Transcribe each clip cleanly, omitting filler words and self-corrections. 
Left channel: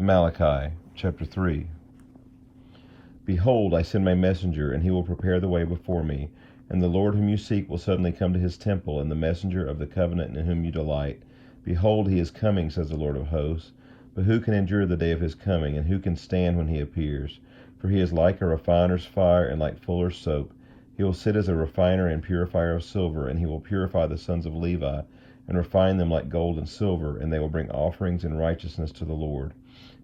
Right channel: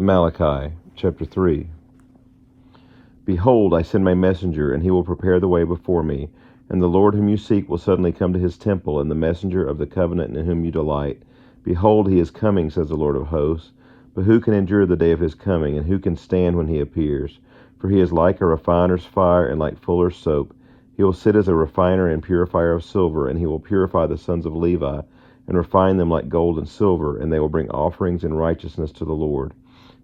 Malachi Chapter 3. Behold, I send my messenger, and he will prepare the way before me. And the Lord whom you seek will suddenly come to his temple, and the messenger of the covenant in whom you delight. Behold, he is coming, says the Lord of hosts. But who can endure the day of his coming, and who can stand when he appears? For he is like a refiner's fire and like fuller's soap. He will sit as a refiner and purifier of silver, and he will purify the sons of Levi, and refine them like gold and silver, and they will bring offerings in righteousness to the Lord.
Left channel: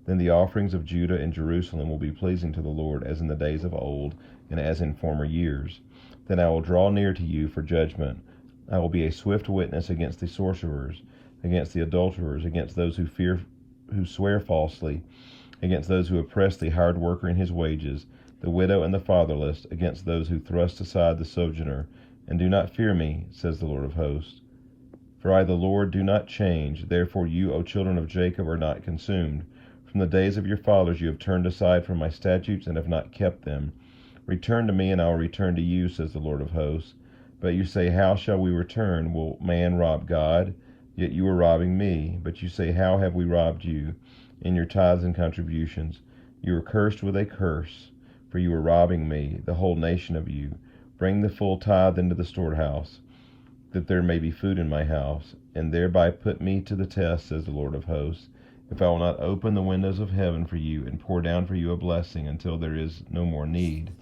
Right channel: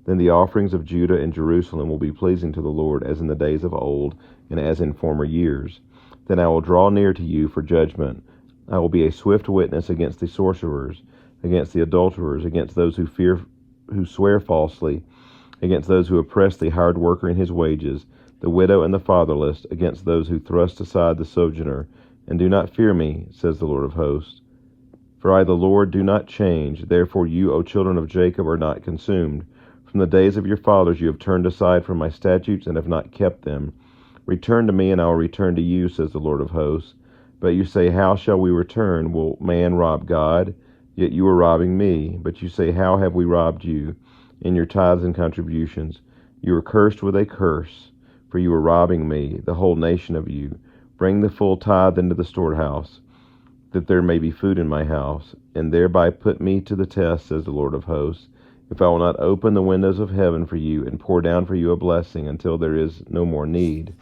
Then the offerings of Judah and Jerusalem will be pleasing to the Lord, as in the days of old, and as in former years. Then I will draw near to you for judgment. I will be a swift witness against the sorcerers, against the adulterers, against those who swear falsely, against those who oppress the hired worker in his wages, the widow and the fatherless, against those who thrust aside the sojourner. And do not fear me, says the Lord of hosts. For I, the Lord, do not change. Therefore you, O children of Jacob, are not consumed. From the days of your fathers you have turned aside from my statutes and have not kept them. Return to me, and I will return to you, says the Lord of hosts. But you say, how shall we return? Will man rob God? Yet you are robbing me. But you say, how have we robbed you? In your tithes and contributions. You are cursed with a curse, for you are robbing me, the whole nation of you. Bring the full tithe into the storehouse, that there may be food in my house, and thereby put me to the test, says the Lord of hosts, if I will not open the windows of heaven for you and pour down for you a blessing until there is no more need.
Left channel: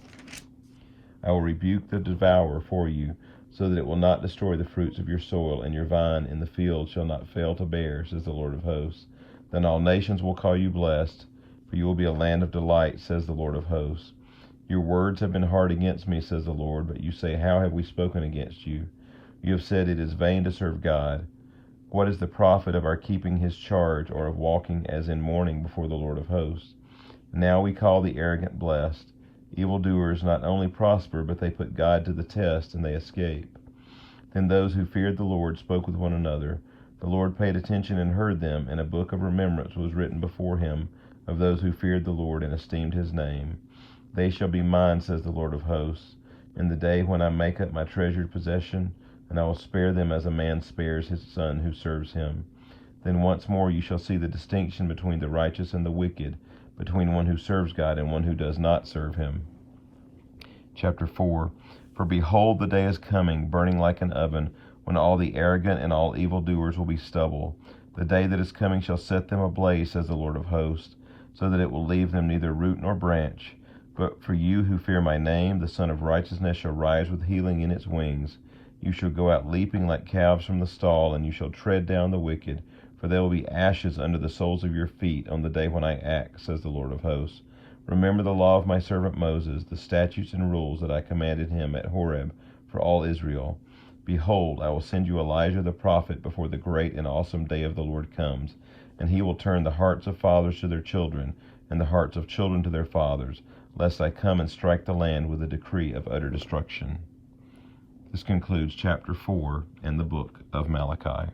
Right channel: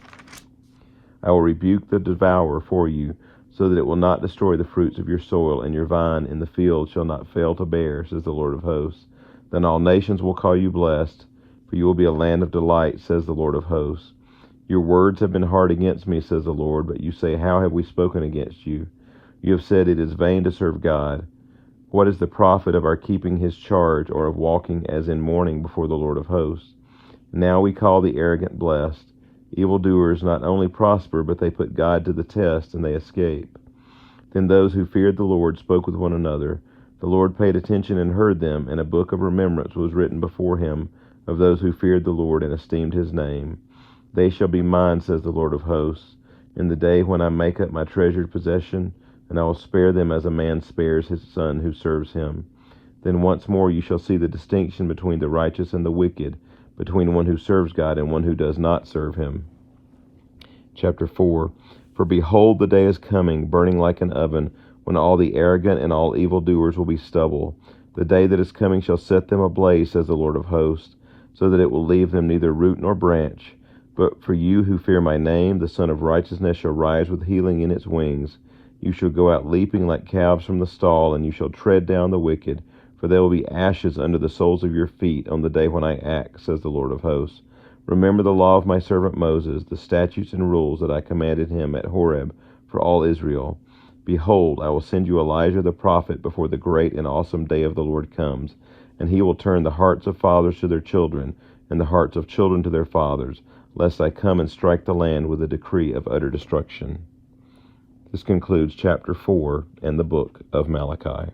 I will rebuke the devourer for you, so that it will not destroy the fruits of your soil, and your vine in the field shall not fail to bear, says the Lord of hosts. Then all nations will call you blessed, for you will be a land of delight, says the Lord of hosts. Your words have been hard against me, says the Lord, but you say, how have we spoken against you? You have said, it is vain to serve God. What is the profit of our keeping his charge, or of walking as in mourning before the Lord of hosts? Now we call the arrogant blessed. Evildoers not only prosper, but they put God to the test, and they escape. Then those who feared the Lord spoke with one another. The Lord paid attention and heard them, and a book of remembrance was written before him of those who feared the Lord and esteemed his name. They shall be mine, says the Lord of hosts, in the day when I make up my treasured possession, and I will spare them as a man spares his son who serves him. Then once more you shall see the distinction between the righteous and the wicked, between one who serves God and one who does not serve him. Chapter 4. For behold, the day is coming, burning like an oven, when all the arrogant and all evildoers will be stubble. The day that is coming shall set them ablaze, says the Lord of hosts, so that it will leave them neither root nor branch. But for you who fear my name, the Son of Righteousness shall rise with healing in its wings. You shall go out leaping like calves from the stall, and you shall tread down the wicked, for there will be ashes under the soles of your feet on the day when I act, says the Lord of hosts. Remember the law of my servant Moses, the statutes and rules that I commanded him at Horeb for all Israel. Behold, I will send you Elijah the prophet before the great and awesome day of the Lord comes, and he will turn the hearts of fathers to their children, and the hearts of children to their fathers, lest I come and strike the land with a decree of utter destruction. This concludes chapter 4 and the book of Malachi.